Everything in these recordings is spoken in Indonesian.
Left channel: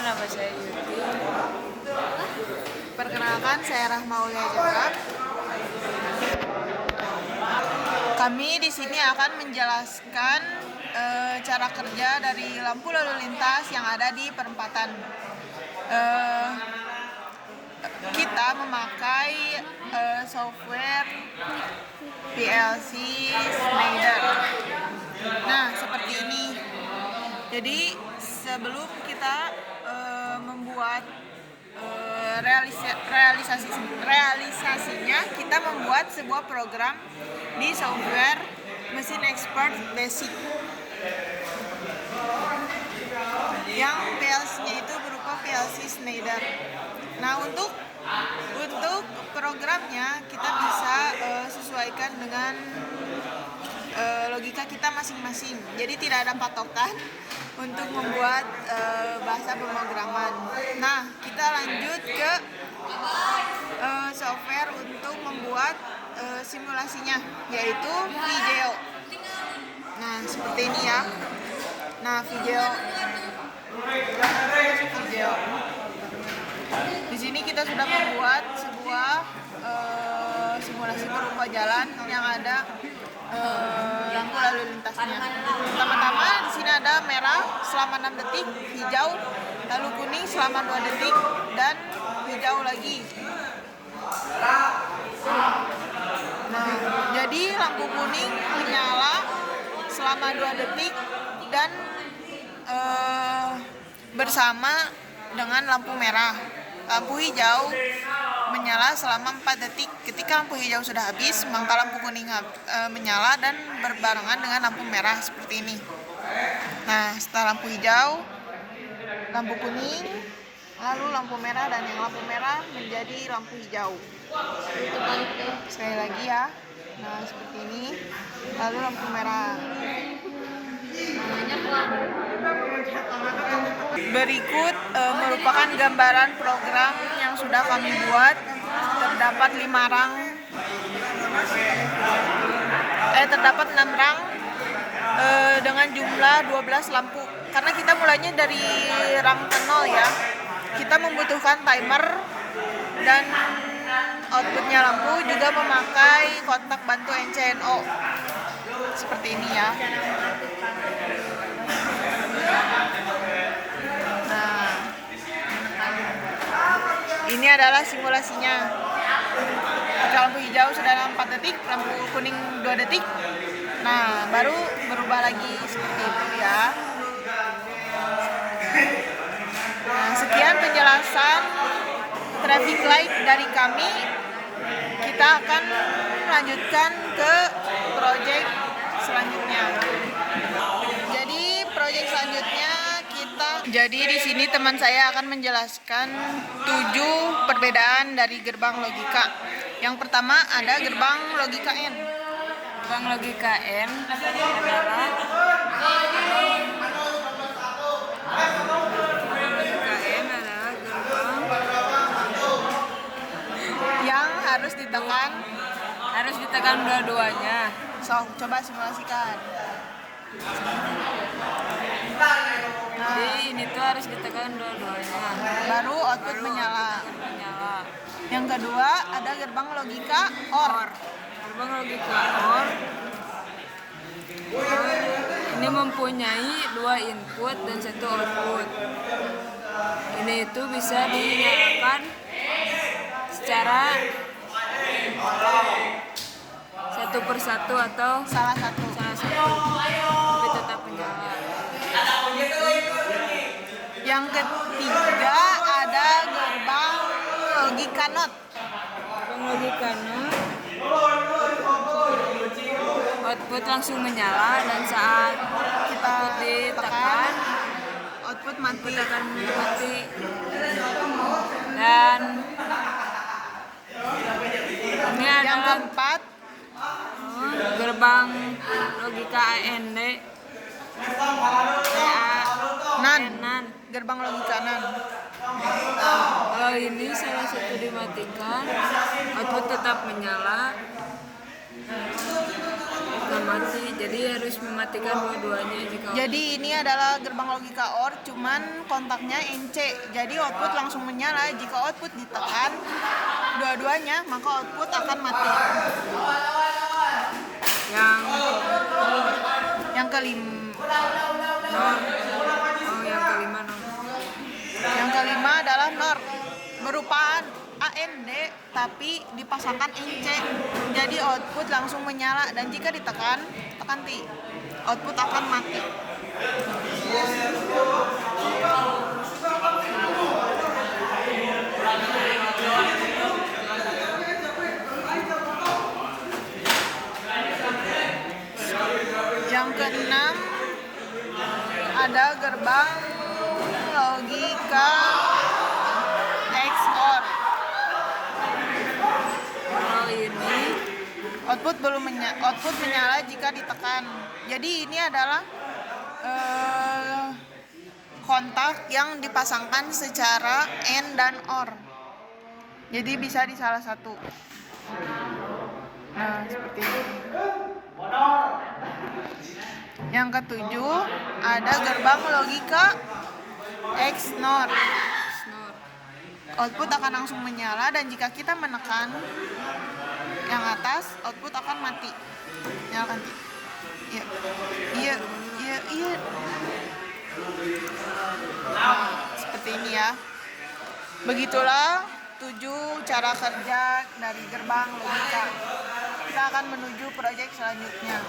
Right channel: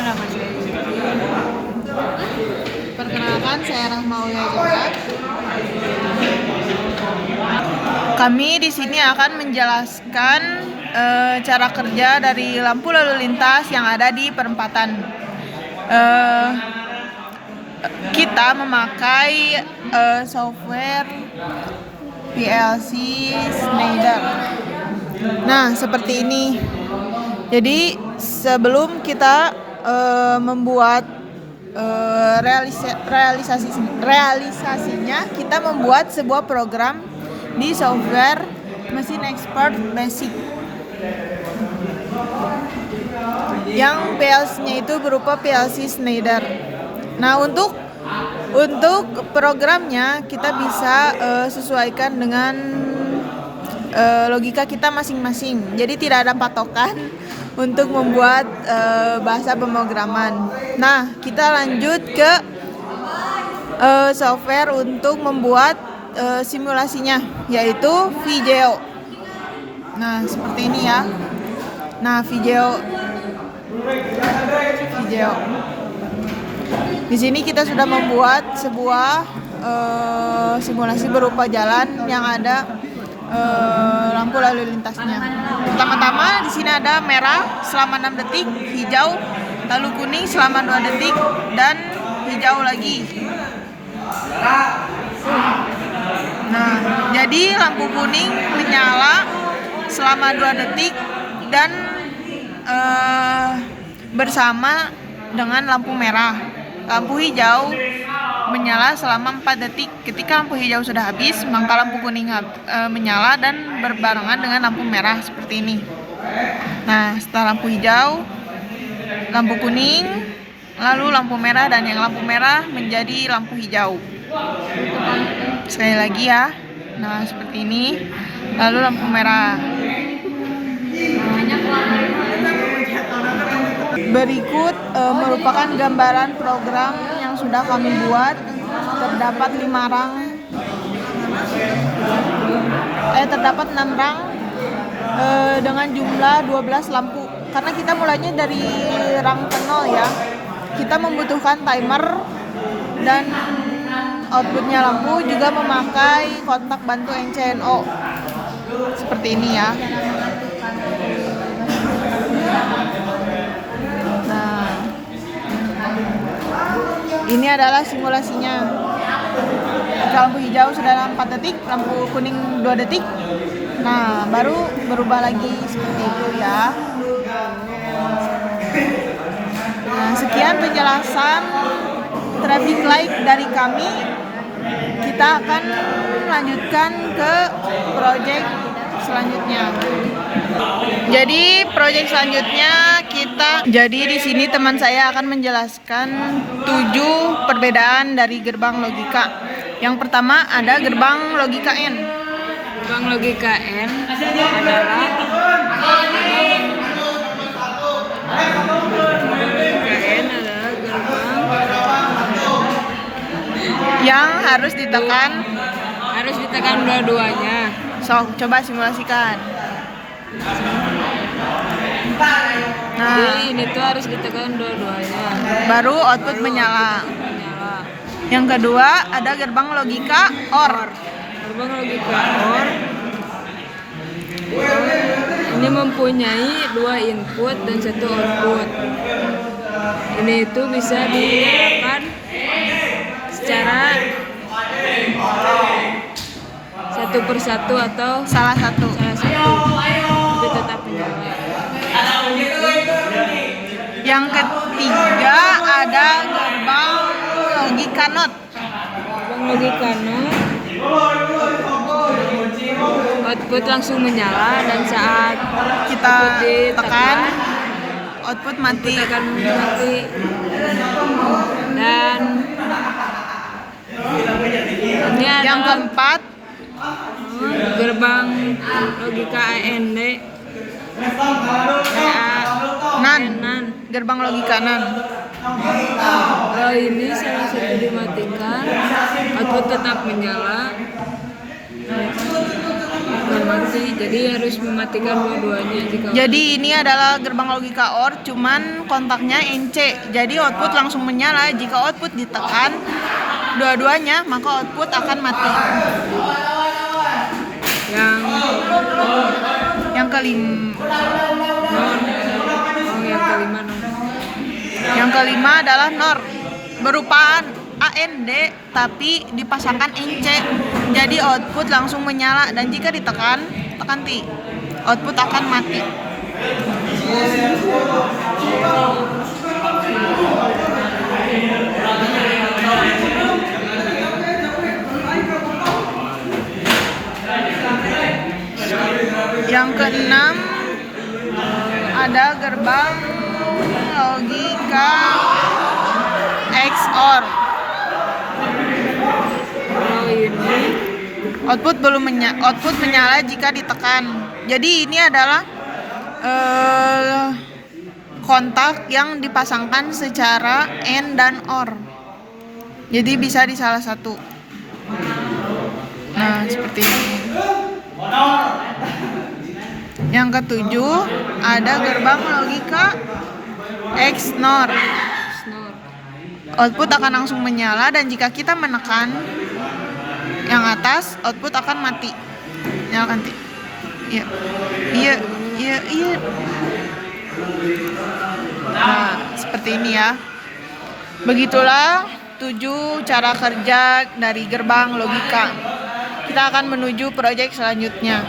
nama saya? Perkenalkan, saya Rahma Ulia. Kami di sini akan menjelaskan cara kerja dari lampu lalu lintas yang ada di perempatan. Kita memakai software PLC Schneider. Nah, seperti ini. Jadi sebelum kita membuat realisasinya, kita membuat sebuah program di software Machine Expert Basic yang PLC-nya itu berupa PLC Schneider. Nah, untuk programnya kita bisa sesuaikan dengan logika kita masing-masing. Jadi tidak ada patokan untuk membuat bahasa pemrograman. Nah, kita lanjut ke software untuk membuat simulasinya, yaitu VGeo. Nah, seperti ini ya. Nah, VGeo. Di sini kita sudah membuat sebuah simulasi berupa jalan yang ada lampu lalu lintasnya. Pertama-tama di sini ada merah selama 6 detik, hijau, lalu kuning selama 2 detik, dan hijau lagi. Nah, jadi lampu kuning menyala selama 2 detik dan bersama dengan lampu merah. Lampu hijau menyala selama 4 detik. Ketika lampu hijau sudah habis, maka lampu kuning menyala dan berbarengan dengan lampu merah seperti ini. Nah, setelah lampu hijau, lampu kuning, lalu lampu merah, dan yang lampu merah menjadi lampu hijau. Sekali lagi ya. Nah, seperti ini. Lalu lampu merah. Berikut merupakan gambaran program yang sudah kami buat. Terdapat 6 rang dengan jumlah 12 lampu. Karena kita mulainya dari rang 0 ya. Kita membutuhkan timer dan outputnya lampu juga memakai kontak bantu NCNO. Seperti ini ya. Nah, ini adalah simulasinya. Jika lampu hijau sudah 4 detik, lampu kuning 2 detik. Nah, baru berubah lagi seperti itu ya. Nah, sekian penjelasan traffic light dari kami. Kita akan lanjutkan ke project selanjutnya. Jadi di sini teman saya akan menjelaskan 7 perbedaan dari gerbang logika. Yang pertama ada gerbang logika N. Gerbang logika N adalah yang harus ditekan dua-duanya. Coba simulasikan. Nah, Jadi ini tuh harus ditekan dua-duanya. baru output menyala. Yang kedua ada gerbang logika OR. Gerbang logika OR ini mempunyai 2 input dan 1 output. Ini itu bisa ditekan secara satu persatu atau Salah satu. tapi tetap menyala. Yang ketiga ada gerbang logika NOT. Gerbang logika NOT output langsung menyala dan saat Kita tekan output mati. akan mati. Dan ini Yang adalah keempat gerbang logika AND NAN. Gerbang logika NAN. Kalau ini salah satu dimatikan, output tetap menyala. nggak mati, jadi harus mematikan dua-duanya. Jadi ini adalah gerbang logika OR, cuman kontaknya NC. Jadi output langsung menyala. Jika output ditekan dua-duanya, maka output akan mati. Yang kelima adalah NOR, berupa AND tapi dipasangkan NC. Jadi output langsung menyala, dan jika ditekan T, output akan mati. Yang keenam ada gerbang logika XOR. Output menyala jika ditekan. Jadi ini adalah kontak yang dipasangkan secara AND dan OR. Jadi bisa di salah satu. Nah, seperti ini. Yang ketujuh ada gerbang logika XNOR. Output akan langsung menyala, dan jika kita menekan yang atas, output akan mati. Nyalakan T. Iya. Nah, seperti ini ya. Begitulah 7 cara kerja dari gerbang logika. Kita akan menuju proyek selanjutnya.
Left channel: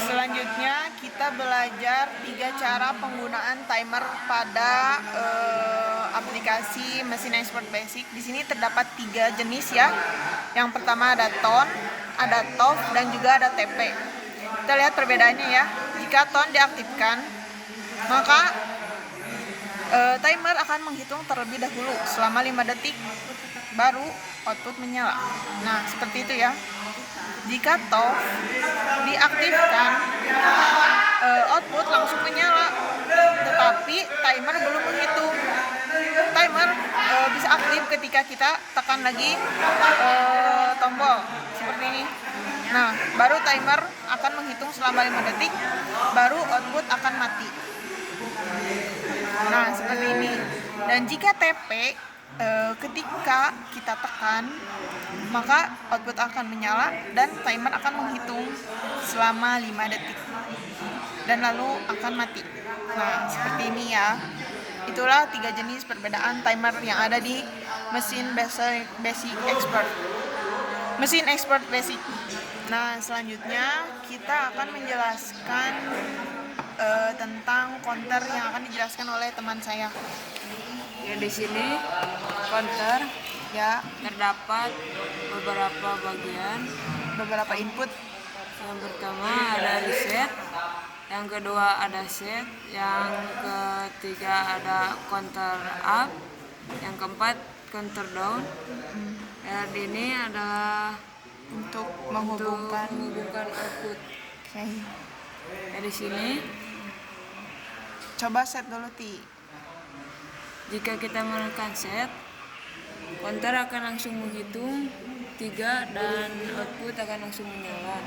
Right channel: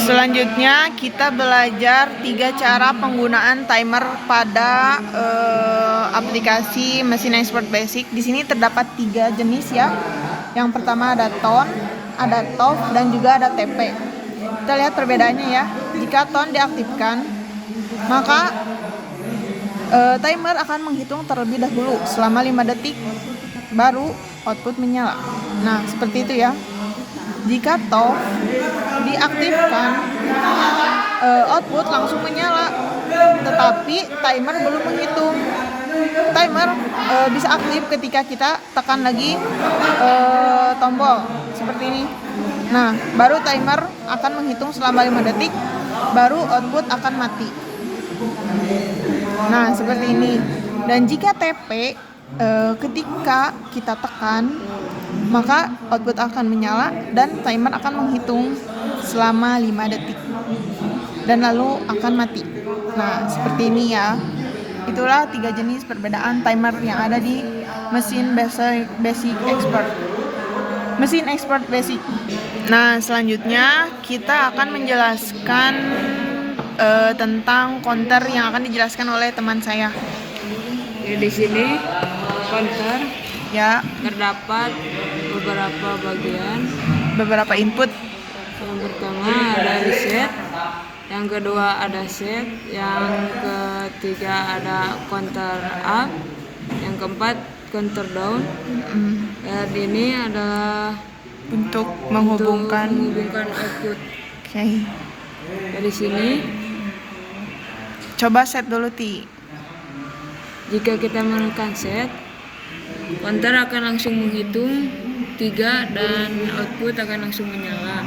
Selanjutnya kita belajar 3 cara penggunaan timer pada aplikasi mesin expert basic. Di sini terdapat 3 jenis ya. Yang pertama ada tone, ada TOF, dan juga ada TP. Kita lihat perbedaannya ya. Jika tone diaktifkan, maka timer akan menghitung terlebih dahulu selama 5 detik, baru output menyala. Nah, seperti itu ya. Jika TOF diaktifkan, output langsung menyala, tetapi timer belum menghitung. Timer bisa aktif ketika kita tekan lagi tombol seperti ini. Nah, baru timer akan menghitung selama 5 detik, baru output akan mati. Nah, seperti ini. Dan jika TP, ketika kita tekan, maka output akan menyala dan timer akan menghitung selama 5 detik dan lalu akan mati. Nah, seperti ini ya. Itulah 3 jenis perbedaan timer yang ada di mesin basic expert. Mesin expert basic. Nah, selanjutnya kita akan menjelaskan tentang counter yang akan dijelaskan oleh teman saya. Ya, di sini counter Ya, terdapat beberapa input. Yang pertama ada reset, yang kedua ada set, yang ketiga ada counter up, yang keempat counter down. Dan ini adalah Untuk menghubungkan output. Oke. Dari sini, Coba set dulu, Ti. jika kita menekan set, counter akan langsung menghitung 3 dan output akan langsung menyala.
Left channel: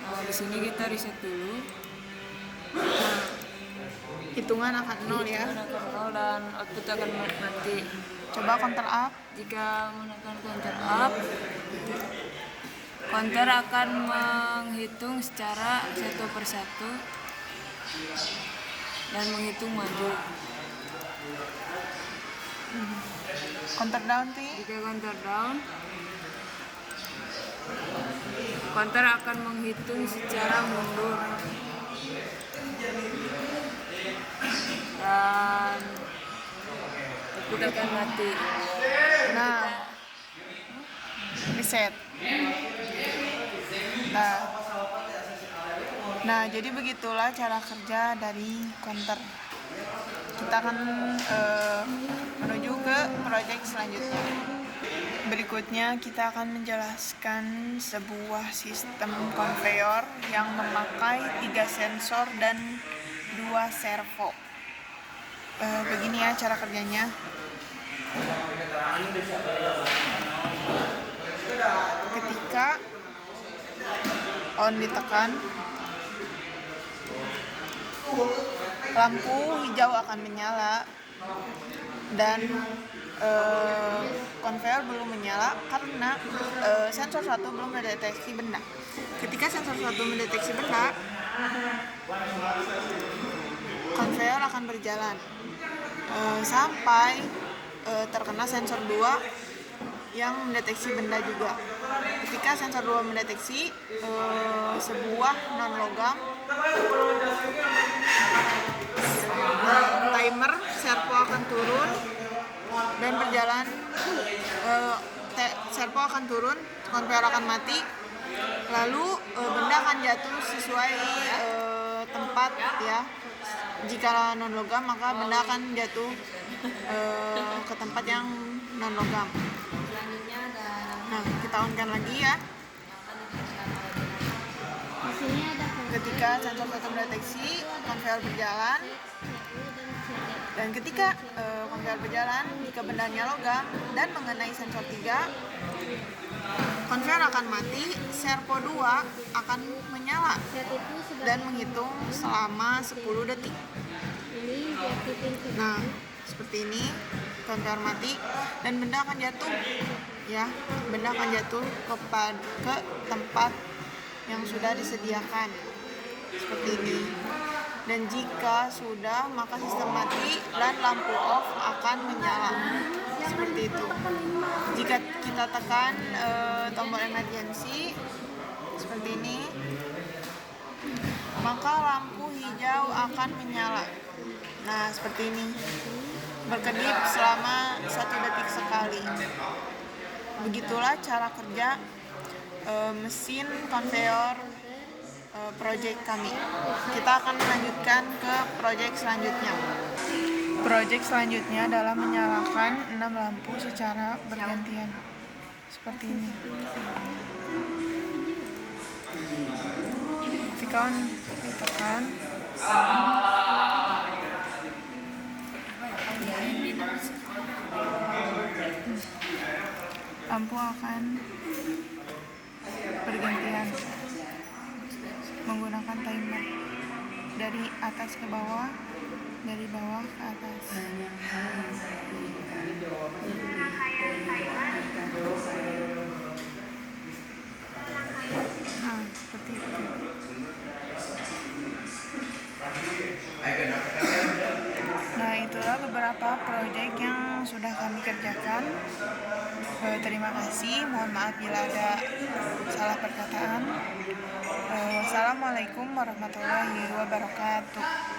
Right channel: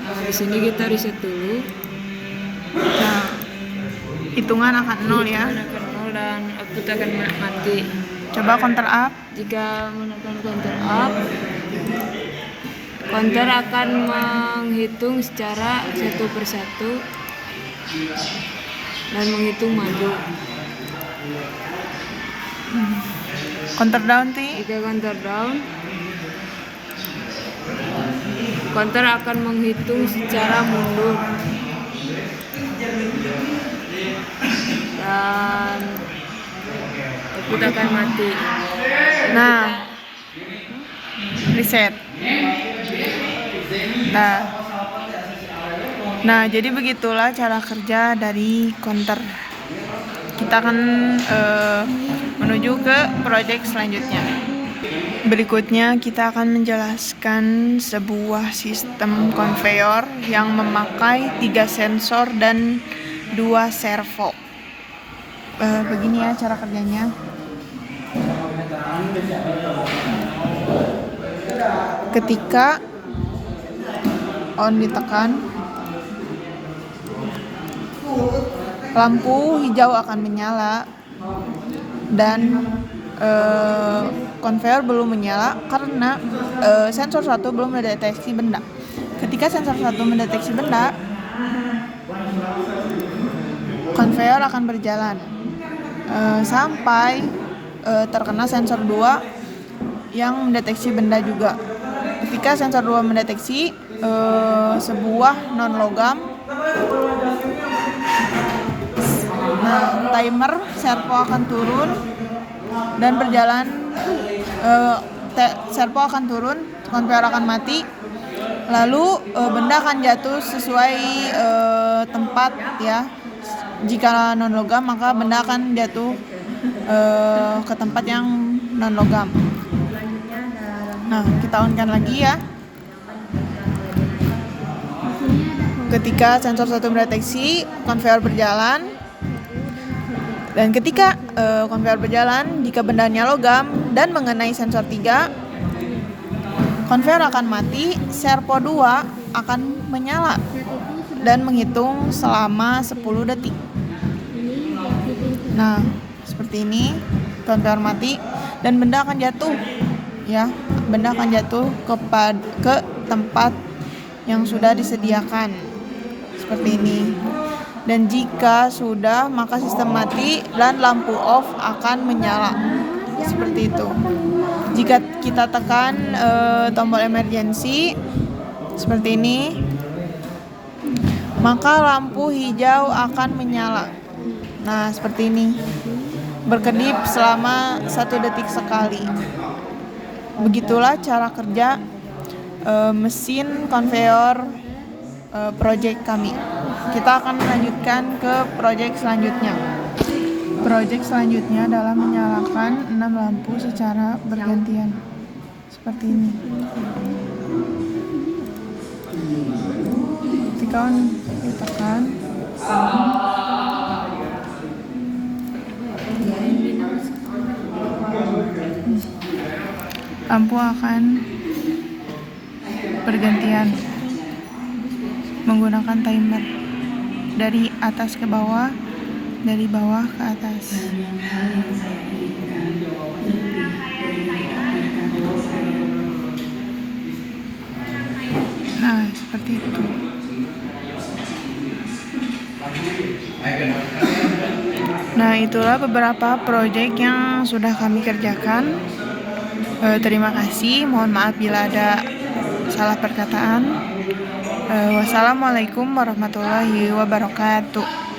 Nah, di sini kita reset dulu. Nah, hitungan akan 0 ya. Akan 0 dan output akan mati. Coba counter up. Jika menekan counter up, counter akan menghitung secara 1 per 1 dan menghitung maju. Counter down, Ti. Jika counter down, counter akan menghitung secara mundur dan output akan mati. Nah, reset. Nah, jadi begitulah cara kerja dari counter. Kita akan menuju ke proyek selanjutnya. Berikutnya kita akan menjelaskan sebuah sistem konveyor yang memakai 3 sensor dan 2 servo. Begini ya cara kerjanya. Ketika on ditekan, lampu hijau akan menyala dan konveyor belum menyala karena sensor 1 belum mendeteksi benda. Ketika sensor 1 mendeteksi benda, konveyor akan berjalan sampai terkena sensor 2 yang mendeteksi benda juga. Ketika sensor 2 mendeteksi sebuah non-logam, timer servo akan turun dan berjalan, servo akan turun, konveyor akan mati, lalu benda akan jatuh sesuai tempat ya. Jika non logam maka benda akan jatuh ke tempat yang non logam. Nah, kita on-kan lagi ya. Ketika sensor 1 mendeteksi, konveyor berjalan. Dan ketika konveyor berjalan, jika bendanya logam dan mengenai sensor 3, konveyor akan mati, servo 2 akan menyala dan menghitung selama 10 detik. Nah, seperti ini, konveyor mati dan benda akan jatuh ya. Benda akan jatuh ke tempat yang sudah disediakan. Seperti ini. Dan jika sudah, maka sistem mati dan lampu off akan menyala. Seperti itu. Jika kita tekan tombol emergency seperti ini, maka lampu hijau akan menyala. Nah, seperti ini. Berkedip selama 1 detik sekali. Begitulah cara kerja mesin konveyor project kami. Kita akan melanjutkan ke project selanjutnya. Project selanjutnya adalah menyalakan 6 lampu secara bergantian. Seperti ini. Ketika ditekan, lampu akan bergantian menggunakan timer dari atas ke bawah, dari bawah ke atas. Nah, seperti itu. Nah, itulah beberapa proyek yang sudah kami kerjakan. Terima kasih, mohon maaf bila ada salah perkataan. Wassalamualaikum warahmatullahi wabarakatuh.